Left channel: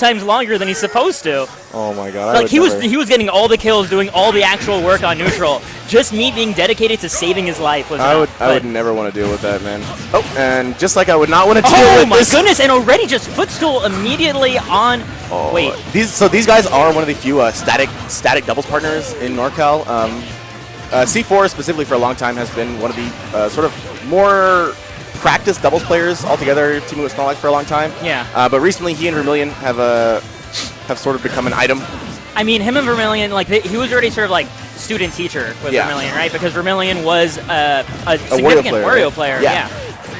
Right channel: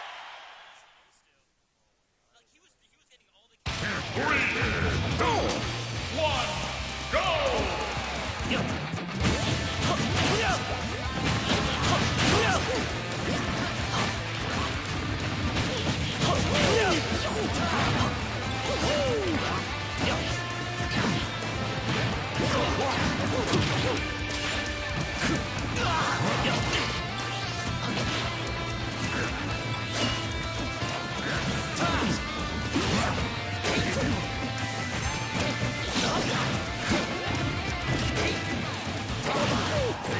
times longer than he's supposed to. Oh my god. Like, he was getting all the kills, doing all the actual work on neutral. Just me being dedicated to saving his life was I would never want to deal with that, man. Oh, and just like I would not want to deal with this. Oh my goodness, and already just footstool immediately on... Oh, wait. These guys are one of the few static doubles partners in NorCal. C4 specifically for a long time has been one of the sort of more practiced doubles players altogether, teaming with Snorlax for a long time. Yeah. But recently he and Vermillion have sort of become an item. I mean, him and Vermillion, like, he was already sort of like student-teacher with Vermillion, right? Because Vermillion was a significant Wario player. Yeah.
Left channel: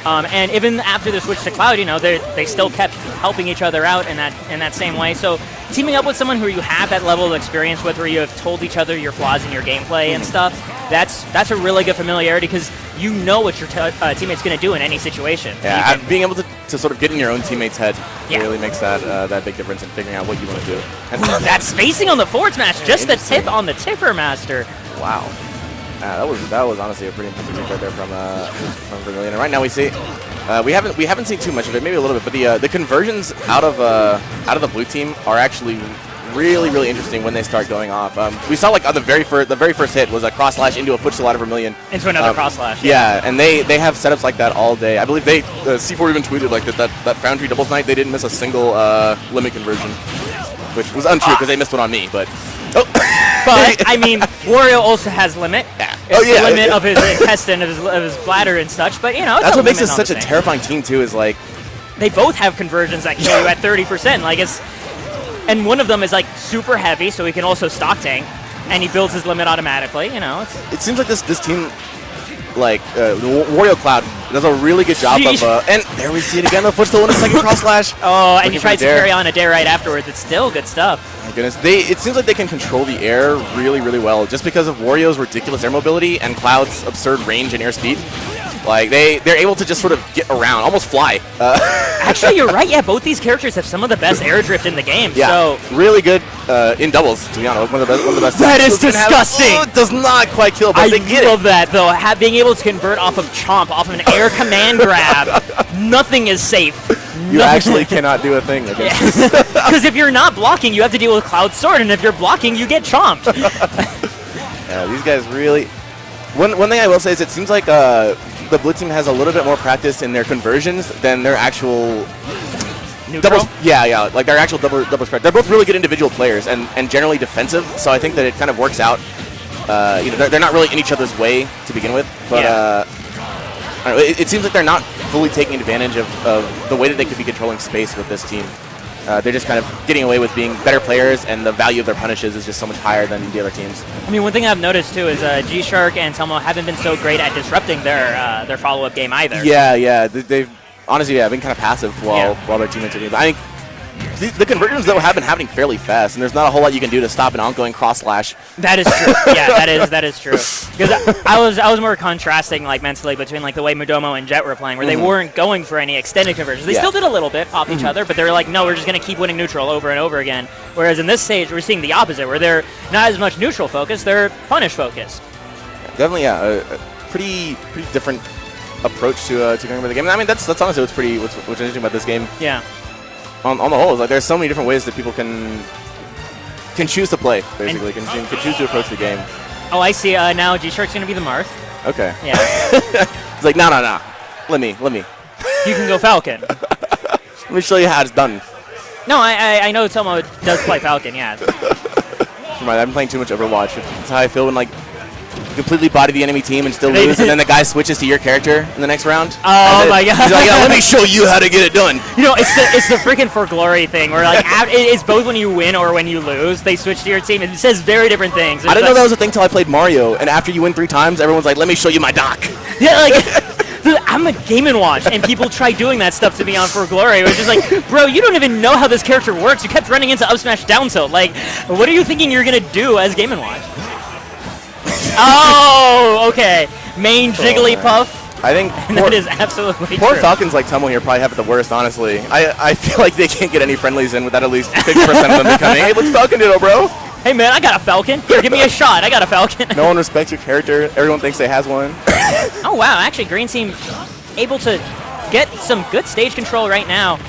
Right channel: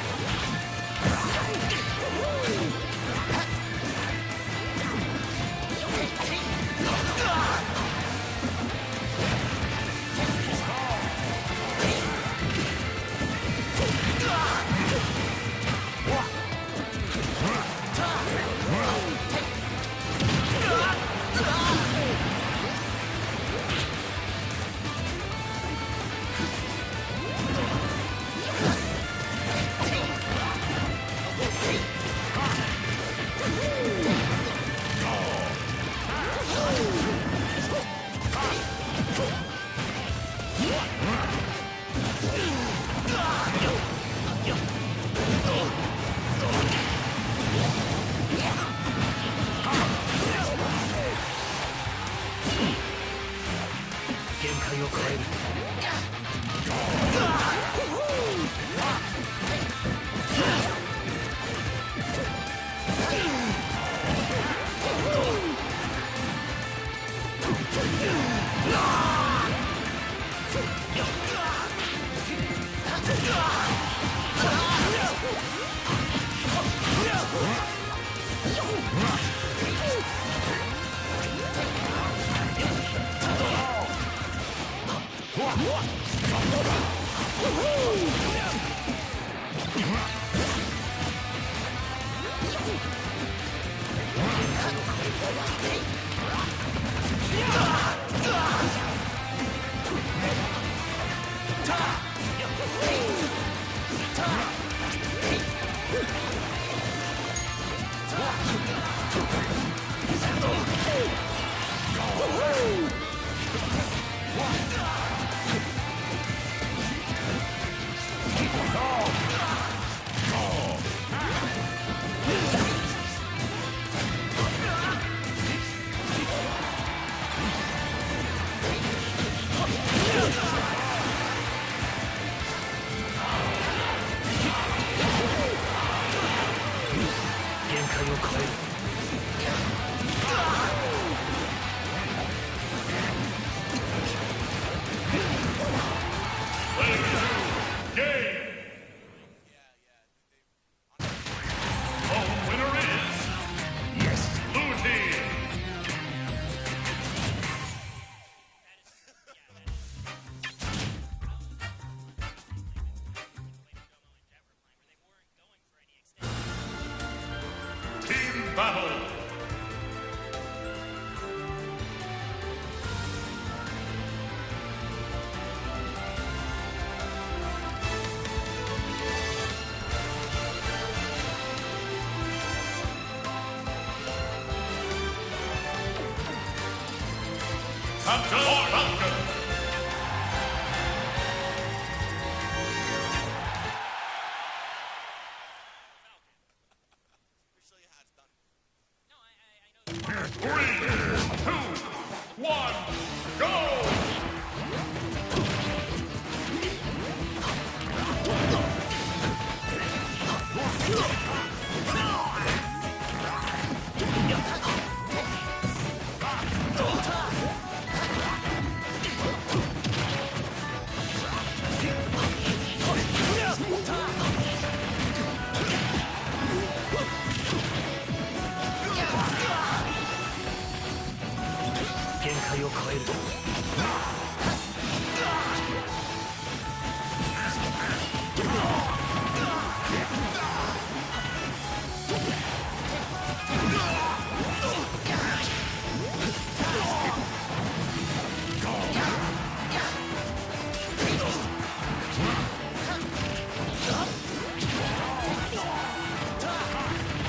And even after the switch to Cloud, you know, they still kept helping each other out in that same way. So teaming up with someone who you have that level of experience with, where you have told each other your flaws in your gameplay and stuff, that's a really good familiarity, because you know what your teammate's going to do in any situation. Yeah, being able to sort of get in your own teammate's head really makes that big difference in figuring out what you want to do. And that spacing on the forward smash, just the tip on the Tipper Master. Wow. That was honestly a pretty interesting right there from Vermillion. And right now we see we haven't seen too much of it, maybe a little bit, but the conversions out of the blue team are actually really interesting when they start going off. We saw like on the very first hit was a cross slash into a footstool out of Vermillion. Into another cross slash. Yeah, and they have setups like that all day. I believe C4 even tweeted like that Foundry doubles night they didn't miss a single limit conversion, which was untrue because they missed one on me, but. Oh. But, I mean, Wario also has limit. Yeah. It's the limit of his intestine, of his bladder and such, but, you know, it's that's what makes us such a terrifying team, too, is like... They both have conversions that kill you at 30%. Like, and one of them is, like, super heavy, so he can also stock tank, and he builds his limit automatically, you know. It seems like this team, like, Wario Cloud does a really good job of... and there we see it again, the footstool in a second cross slash. Oh, and he tries to carry on a dare right afterwards. It's still good stuff. Goodness, it seems like they can control the air really well, just because of Wario's ridiculous air mobility and Cloud's absurd range and airspeed. Like they're able to just sort of get around, almost fly. Actually, you're right. Yeah, both these characters have some of the best air drift in the game. Yeah, so really good in doubles. To be honest, one of the best. That is disgusting. It does not quite kill, but they get it. I love that though. Being able to convert off of Chomp, off of an air command grab, nothing is safe. You actually cannot do a thing against this. Because if you're not blocking, you have to deal with Cloud Sword, and if you're blocking, you get chomped. Yeah, these guys really... One thing I will say is it seems like the blue team has a little bit more practice in their conversions than their actual... doubles. Yeah, like their actual double spread. They're both really good individual players and generally defensive, so I think that it kind of works out. They're not really in each other's way to begin with, but... It seems like they're not fully taking advantage of the way that they could be controlling space with this team. They're just kind of getting away with being better players, and the value of their punishes is just so much higher than the other teams. I mean, one thing I've noticed too is GShark and Telmo haven't been so great at disrupting their follow-up game either. Yeah. They've honestly been kind of passive while their teammates are. I think the conversions though have been happening fairly fast, and there's not a whole lot you can do to stop an ongoing cross slash. That is true. Yeah, that is true. Because I was more contrasting like mentally between like the way Mudomo and Jet were playing, where they weren't going for any extended conversions. They still did a little bit off each other, but they were like, no, we're just gonna keep winning neutral over and over again. Whereas in this stage, we're seeing the opposite, where they're not as much neutral focused, they're punish focused. Definitely, a pretty different approach to going for the game. And I mean, that's honestly what's interesting about this game. Yeah. On the whole, like there's so many different ways that people can choose to play, basically, can choose to approach the game. Oh, I see. Now GShark's gonna be the Marth. Okay. Yeah. It's like, no. Let me. You can go Falcon. Let me show you how it's done. No, I know Telmo does play Falcon, yeah. I've been playing too much Overwatch. That's how I feel when, like, you completely body the enemy team and still lose, and then the guy switches to your character in the next round. Oh my god. He's like, let me show you how to get it done. You know, it's the freaking For Glory thing, where, like, it's both when you win or when you lose, they switch to your team. It says very different things. I didn't know that was a thing till I played Mario, and after you win 3 times, everyone's like, let me show you my doc. Yeah, like... Dude, I'm a Game & Watch, and people try doing that stuff to me on For Glory. Which is like, bro, you don't even know how this character works. You kept running into up smash down tilt. Like, what are you thinking you're gonna do as Game & Watch? Oh, okay. Main Jigglypuff. I think that is absolutely poor true. Falcons like Telmo here probably have it the worst, honestly. I feel like they can't get any friendlies in without at least 50% of them becoming, hey, what's Falcon Ditto, bro? Hey, man, I got a Falcon. Here, give me a shot. I got a Falcon. No one respects your character. Everyone thinks they has one. Oh, wow. Actually, Green Team able to get some good stage control right now.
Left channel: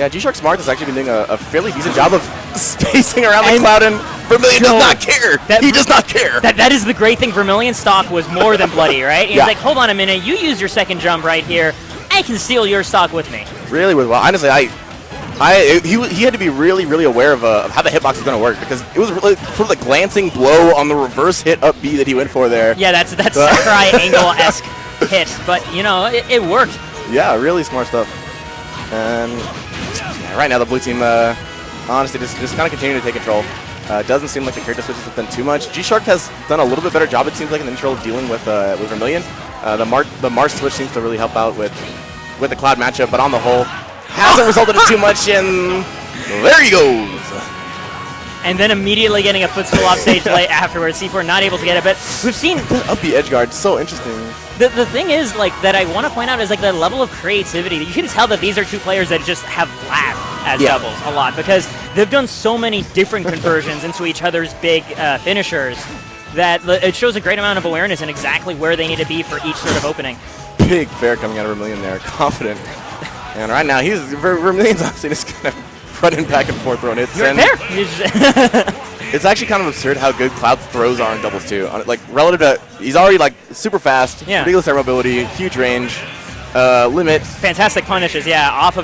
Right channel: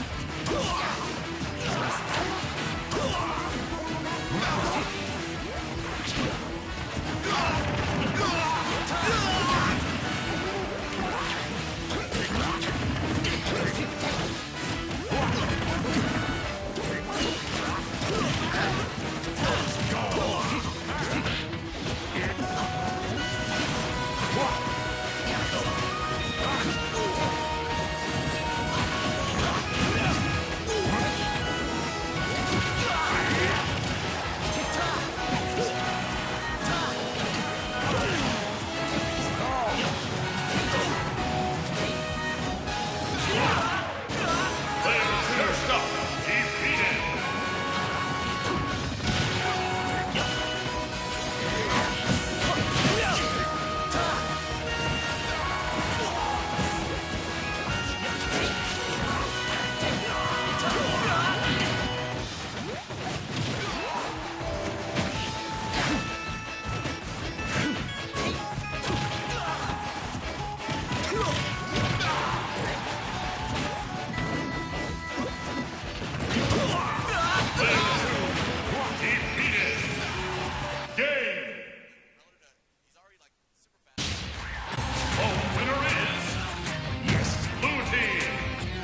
Yeah, GShark Smart has actually been doing a fairly decent job of spacing around the cloud, and Vermillion does not care. He does not care. That is the great thing. Vermillion's stock was more than bloody, right? He's like, hold on a minute, you use your second jump right here. I can steal your stock with me. Really well. Honestly, he had to be really, really aware of how the hitbox was going to work, because it was really sort of the glancing glow on the reverse hit up B that he went for there. Yeah, that's triangle-esque hit, but you know, it worked. Yeah, really smart stuff. And right now the blue team, honestly, just kind of continuing to take control. Doesn't seem like the character fits with them too much. GShark has done a little bit better job, it seems like, in the intro dealing with Vermillion. The Mars switch seems to really help out with the cloud matchup, but on the whole, hasn't resulted in too much, and there he goes. And then immediately getting a footstool off stage play afterwards. C4 not able to get it, but we've seen up the edge guard. So interesting. The thing is, like, that I want to point out is like the level of creativity. You can tell that these are two players that just have laughed as doubles a lot, because they've done so many different conversions into each other's big finishers that it shows a great amount of awareness and exactly where they need to be for each sort of opening. Big fair coming out of Vermillion there, confident. And right now, Vermillion's obviously just kind of running back and forth throwing hits. You're there. It's actually kind of absurd how good Cloud throws are in doubles too. Like relative to, he's already like super fast, ridiculous air mobility, huge range, limit. Fantastic punishes, off of